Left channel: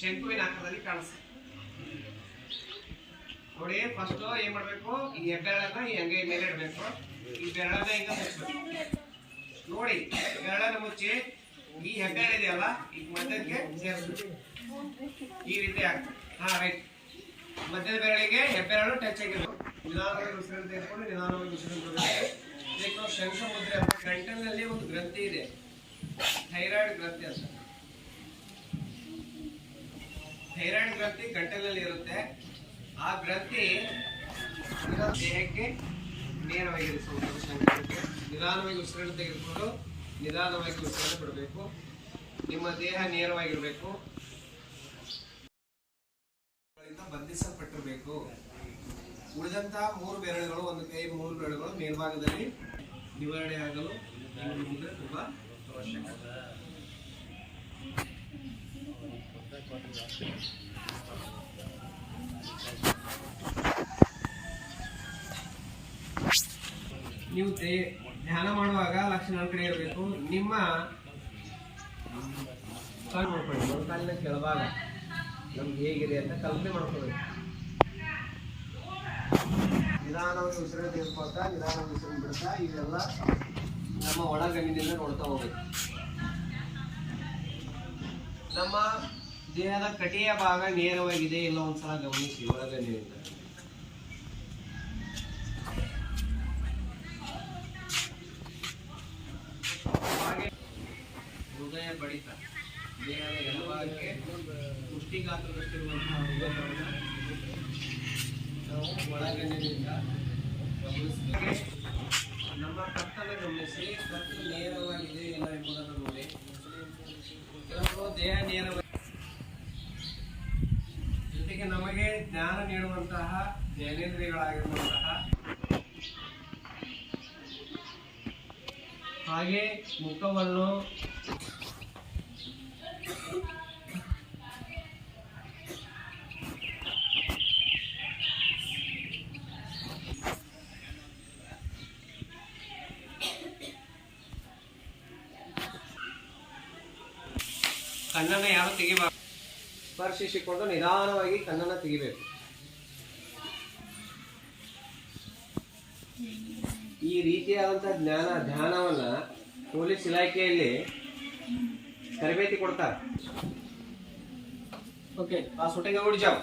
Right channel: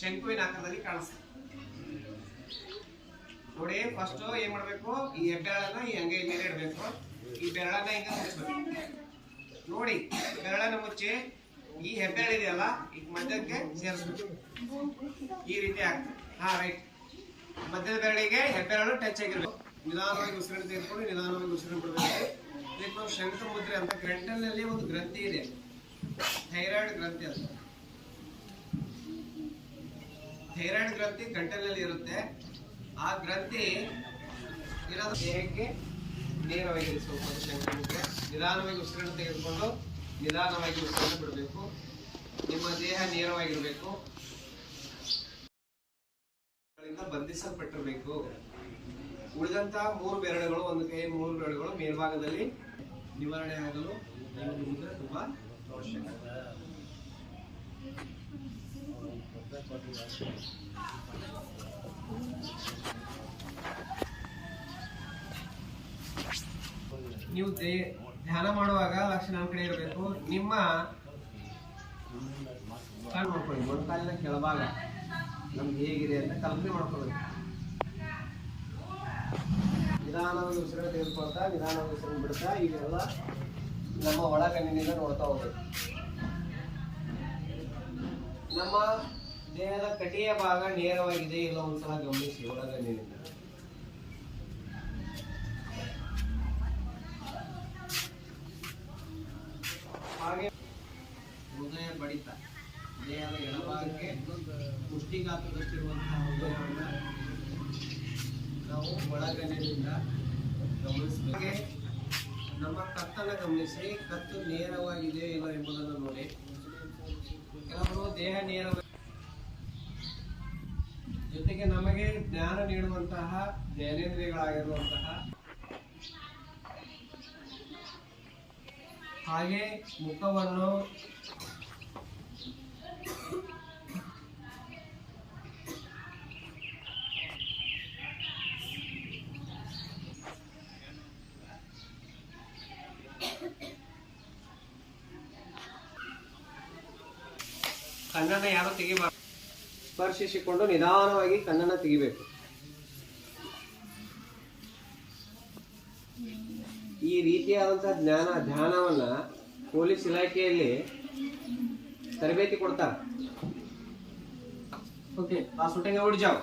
ಶಂಕುವಿನ ಆಕಾರದಲ್ಲಿ ಕಾಣಿಸ್ತದೆ ನೋಡಿ ಫಸ್ಟ್ ಏನ್ ಮಾಡ್ಬೇಕು? ಈ ಹೆಬ್ಬೆರಳನ್ನ ಈ ಹಂಗೆ ಮೇಲೆ ಇಡಬೇಕು. ಈ ಬೆರಳನ್ನ ಹಿಂಗ ಮುಚ್ಚಬೇಕು. ನೋಡಿ, ಬೆರಳನ್ನ ಮುಚ್ಚಿ ಈ ಹೆಬ್ಬೆರಳು ಇದೆಯಲ್ಲ, ಈ ಮಧ್ಯಕ್ಕೆ ಸೇರಿಸ್ಬೇಕು. ಈ ರೀತಿ ಆಗ್ತದೆ. ಹಾ ರೈಟ್ ಮಧ್ಯದ ಬೆರಳಿಗೆ ಹೆಬ್ಬೆರಳು ಟಚ್ ಆಗಿರ್ಬೇಕು. ನಿಧಾನವಾಗಿ ಉಸಿರನ್ನು ತೆಗೆದುಕೊಂಡು ನಿಧಾನವಾಗಿ ಉಸಿರನ್ನು ಬಿಡಬೇಕು. ಇದಕ್ಕೆ ಶಂಖ ಮುದ್ರೆ ಅಂತ ಗಂಟಲಿನಲ್ಲಿ ಒಂದು ಗ್ರಂಥಿ ಇದೆ. ಥೈರಾಯ್ಡ್ ಗ್ರಂಥಿ ಅಂತ. ಥೈರಾಯ್ಡ್ ಗ್ರಂಥಿ ಗಂಟಲಲ್ಲಿ ಇರುತ್ತೆ. ಆ ಗ್ರಂಥಿ ದೇಹಕ್ಕೆ ನೇರವಾಗಿ ಮುದ್ರೆ ನಿಧಾನವಾಗಿ ಉಸಿರನ್ನು ತೆಗೆದುಕೊಂಡು ನಿಧಾನವಾಗಿ ಉಸಿರನ್ನು ಬಿಡಬೇಕು. ನಿಮ್ಮ ದೇಹ ನೇರವಾಗಿರಬೇಕು. ಬಂಧಿಸಲ್ಪಟ್ಟಿರಬೇಕು. ಉಳಿದಂತಹ ಮೂರು ಬೆರಳುಗಳು, ಒಂದು ಕೈ, ಮೂರು ಬೆರಳುಗಳು ಮೇಲ್ಭಾಗದಲ್ಲಿ ನಿವಾರಣೆ ಆಗಲು ಈ ಮುಂದೆ ತುಂಬಾ ಅವಶ್ಯಕ. ನೀವು ಧ್ಯಾನ ಮಾಡುವಾಗ ಲಕ್ಷಣ ಕಡೆ ಇರಬೇಕು. ನಿಮ್ಮ ಕಾಲು ಮಾಡ್ಕೊಳ್ಳಿ. ಒಂದು ಕಾಲಿನ ಕೆಳಭಾಗ ನಮ್ಗೆ ಹೇಗಿದೆ ಅಂತ ಕಲ್ಪನೆ ಮಾಡ್ಕೊಳ್ಬೇಕು ನಿಧಾನವಾಗಿ ಉಸಿರ ತೆಗೆದುಕೊಳ್ತಾ, ನಿಧಾನವಾಗಿ ಉಸಿರು ಬಿಡ್ತಾ ಇವೆಲ್ಲ ನಮ್ಮ ಒಳಗಣ್ಣಿನಿಂದ ನೋಡ್ತಾ ಹೋಗ್ಬೇಕು. ನಮ್ಮ ದೇಹದ ಕಟಿಯ ಭಾಗ, ನೇರವಾಗಿದೆ ಇಲ್ಲ ಒಂದ್ಸಲ ಗಮನಿಸಿ ಒಳಗಡೆ ಹಾಗೆ ಹೃದಯ ಬಡಿತ ದೇಹದ ಎಡಭಾಗಕ್ಕೆ ಪುಷ್ಟಿಗಾತ್ರದಷ್ಟಿರುವಂತಹ ಹೃದಯವನ್ನು ನಾವು ಒಳಗಣ್ಣಿನಿಂದ ಗಮನಿಸಬೇಕು. ನಮ್ಮ ಕತ್ತನ್ನು ಗಮನಿಸಿ, ಕತ್ತು ನೇರವಾಗಿದೆ ಇಲ್ಲ ಎಂಬುದನ್ನು ನೋಡಿ ಕೆಲವರು ದೇಹ ನೇರವಾಗಿ ಜೊತೆಗೆ ನಮಗೆ ಜ್ಞಾನ ನೀಡುವಂತಹ ಜ್ಞಾನೇಂದ್ರಿಯಗಳಾಗಿರುವಂತಹ ಹಾಗೆ ಮುಖವನ್ನು ಕಣ್ಣನ್ನು ಯಾರು ತೆಗಿಬಾರ್ದು? ಸ್ಪರ್ಶಿಸಿಕೊಂಡು ನಿಧಾನವಾಗಿ ಕಣ್ಣನ್ನು ತೆಗಿಬೇಕು. ಈ ರೀತಿಯಾದಂಥ ಜ್ಞಾನ ಧ್ಯಾನವನ್ನ ಪೊಲೀಸ್ ಇಲಾಖೆಯಲ್ಲಿ ತರಬೇತಿ ಕೊಡ್ತಾರೆ. ಓಕೆ ಆ ಸುಟ್ಟಂಗ ಉಡಿ ಜಾವ್.